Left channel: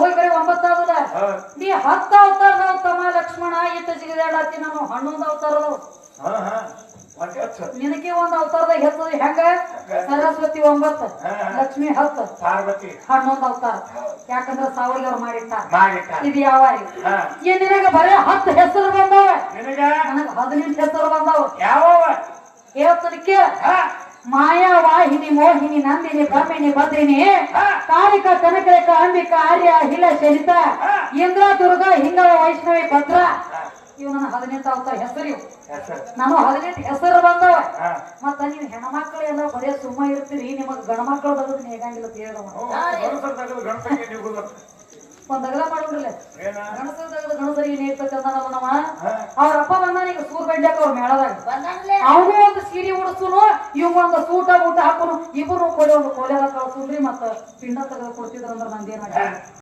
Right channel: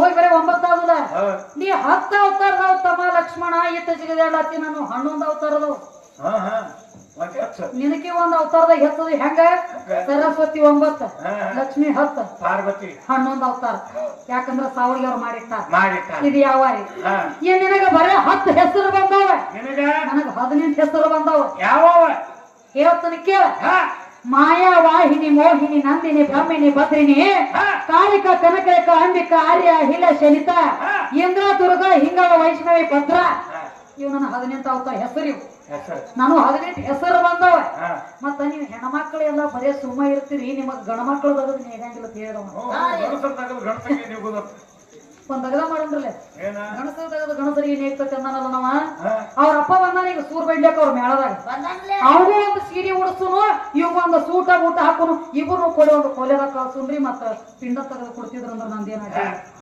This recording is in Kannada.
ಹೋಗಿ ಬರೀ 9 ಆಗುದ ನೀ 10 ಅವತಾರದವ ತಮ್ಮ ಲಕ್ಷ್ಮಣ ಈತ ಸಿಗದಾಡತ್ತಿ ನಾನು 11 ಅವತಾರದವ ನಿನಗೆ ಒಂದು ಅವತಾರದಾಗ ಹೆಚ್ಚದ ಹೆಂಗ ಸರಸ್ವತಿ 9 ಲಕ್ಷ್ಮಿ 10 ಪಾರ್ವತಿ 11 ಅವತಾರ ಯಾಕಂದ್ರ ಸಾವಳಿಯವ್ರು ಮಾಡಿಟ್ಟ ಇದು ಯಾವ ನಿನಗ ಬರೀ 10 ಹೆಸರು ಬಂದವ ನನಗ 18 ಹೆಸರು ಬಂದವ ಯಾವ ಹೇಳ್ತಾನೆ ಕೇಳ ಮಾಯಾ ವಾಹಿನಿ ಮೋಹಿನಿ ನಂದಿನಿ ಬ್ರಹ್ಮಿಣಿ ಭದ್ರಿನಿ ಕಾಳಿಕ ಕನಕರೇಖ ಅಂಬಿಕ ಆರ್ಯ ಹಿಲ ಶನಿತ ಇಂದ್ರ ದುರ್ಗಾ ಹಿಂಗಳ ವೈಷ್ಣವಿ ಭದ್ರ ಇವ್ ನನ್ನ 18 ಅವತಾರ ಹೆಸರು ಇವು ನಾನು 18 ಹೆಸರು ಬಂದವ ಮತ್ತ ನೀವು ಹೆಣ್ಮಕ್ಳು ಎಲ್ಲ ಬರೀ ಸುಮ್ಮ ಇರ್ತೀರಿ ನಿಮಗ್ ಗಣಮಕ್ಳು ತಗದ್ ಹೇಗಂಗಿಲ್ಲ ಹೇಳ ಒಂದ್ ಅಗಲ ಮಾಡೋದ್ರಲ್ಲ ಗಣಸರು ತಗದ ಗಣಸರಿಗೆ ಏನ್ ಇರ್ತೈತಿ ಅಂದಾನಲ್ಲ ನಾವ ಅವ್ರ ಅಪ್ಪ ಬಂದಾನ ಈಗ ಸೂರ್ ಬಂಡ್ಯಾಕ ಅವ್ರ ಮೇಳದಾಗ ಅವನು ಒಂದು ಸೀರೆ ಉಡಿಸುನು ಇವ್ ಒಂದು ಸೂಟ ಊಟ ಹಾಕೋನು ಇಬ್ರು ಕೊಲೆ ಒಂದು ಕೊಲೆರ ಕಳ್ಸುನ್ರಿ ಮತ್ತ ಪಿಂಡ ತೆಗೆದು ಕೊಡ್ತಿದ್ರ ಅಂದ್ರ ನಂದೇನ